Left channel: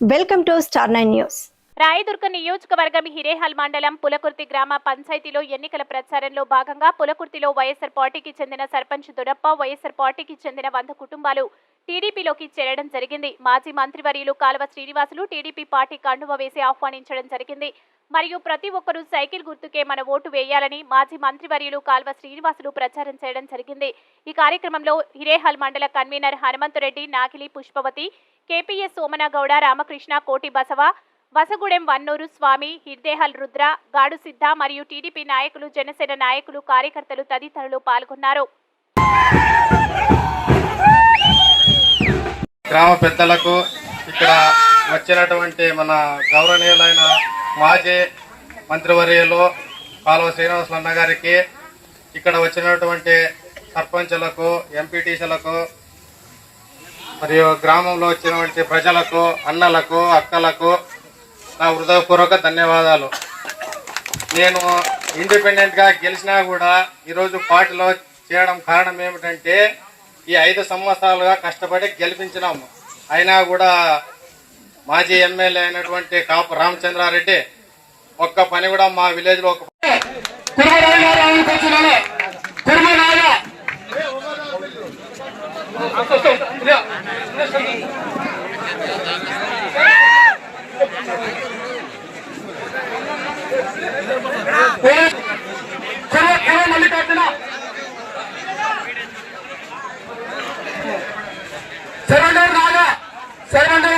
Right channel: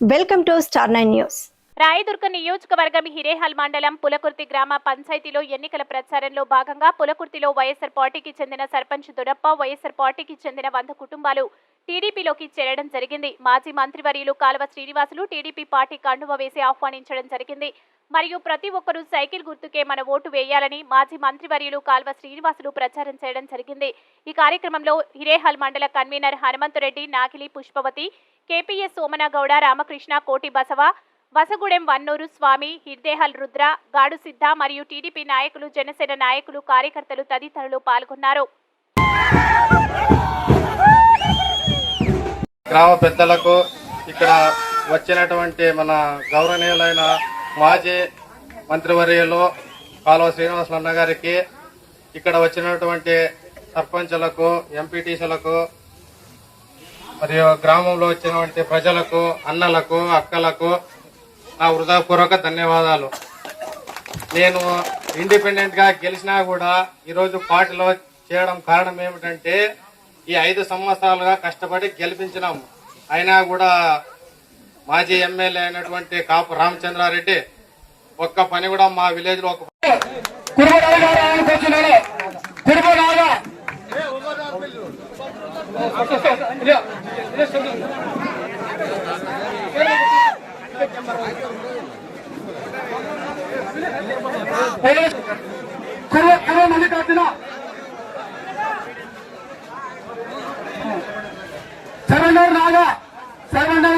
Welcome to star nine news. Rayadurga నియోజకవర్గం హిరేహల్ మండలం పులకుర్తి గ్రామ పంచాయతీలో ఎన్నికల ప్రచారంలో భాగంగా పులకుర్తిలో వైఎస్ఆర్ పార్టీకి చెందిన సర్పంచ్ దొరప్ప వైఎస్ఆర్ పార్టీకి చెందిన వంద కుటుంబాలు టీడీపీలోకి చేరడం జరిగింది. మాజీ మంత్రివర్యులు కాలువ శ్రీనివాసులు టీడీపీ పార్టీ కండువ వేసి ఆహ్వానించడం జరిగింది. మరియు ప్రతి ఒక్కరూ సైకిల్ గుర్తుకే మన ఓటు వేయాలని మాజీ మంత్రివర్యులు కాల్వ శ్రీనివాసులు ప్రచారం చేయడం జరిగింది. ఈ కార్యక్రమంలో హిరేహల్ మండల కన్వీనర్ హనుమంతురెడ్డి నాగిలి పుష్పవతి కేపీఎస్ సోమనగౌడ రామకృష్ణ కోటి బసవ వసగూడెం వన్నూరు స్వామి హిర్దేహల్ రుద్ర గాడు సిద్ధ మరియు టీడీపీ నాయకులు జనసేన నాయకులు కార్యకర్తలు తదితరులు పాల్గొన్నారు. గ్రామ పెద్దలకు ఇక్కడ వచ్చినటువంటి మన గౌరవనీయులైన మాజీ మంత్రివర్యులు కాలువ శ్రీనివాస అన్న గారికి ఇక్కడ వచ్చినటువంటి సర్పంచులకు ఎంపీటీసీలకు మరియు గ్రామంలో వచ్చినటువంటి ప్రజలకు అన్నలకు అక్కలకు నా హృదయపూర్వక ధన్యవాదాలు. నేను ఇండిపెండెంట్గా గెలిచినా కూడా ఈరోజు పార్టీలో చేయడం కారణం ఏమిటంటే ఈ ఐదు సంవత్సరాలుగా కష్టపడి గెలిపించినాము. అయినా కూడా మాజీ ఎమ్మెల్యే అయినటువంటి కాపు రామచంద్రారెడ్డి ఒక్క పని కూడా మా విలేజ్లో ఒక కుర్మరాజా రామకృష్ణుడు కుర్మరాజా కుర్ర మల్లికార్జున శరణ్ నాగా శరణ్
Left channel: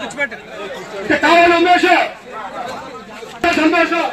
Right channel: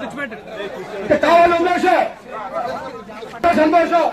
కూర్చోబెట్టు. సంతోషం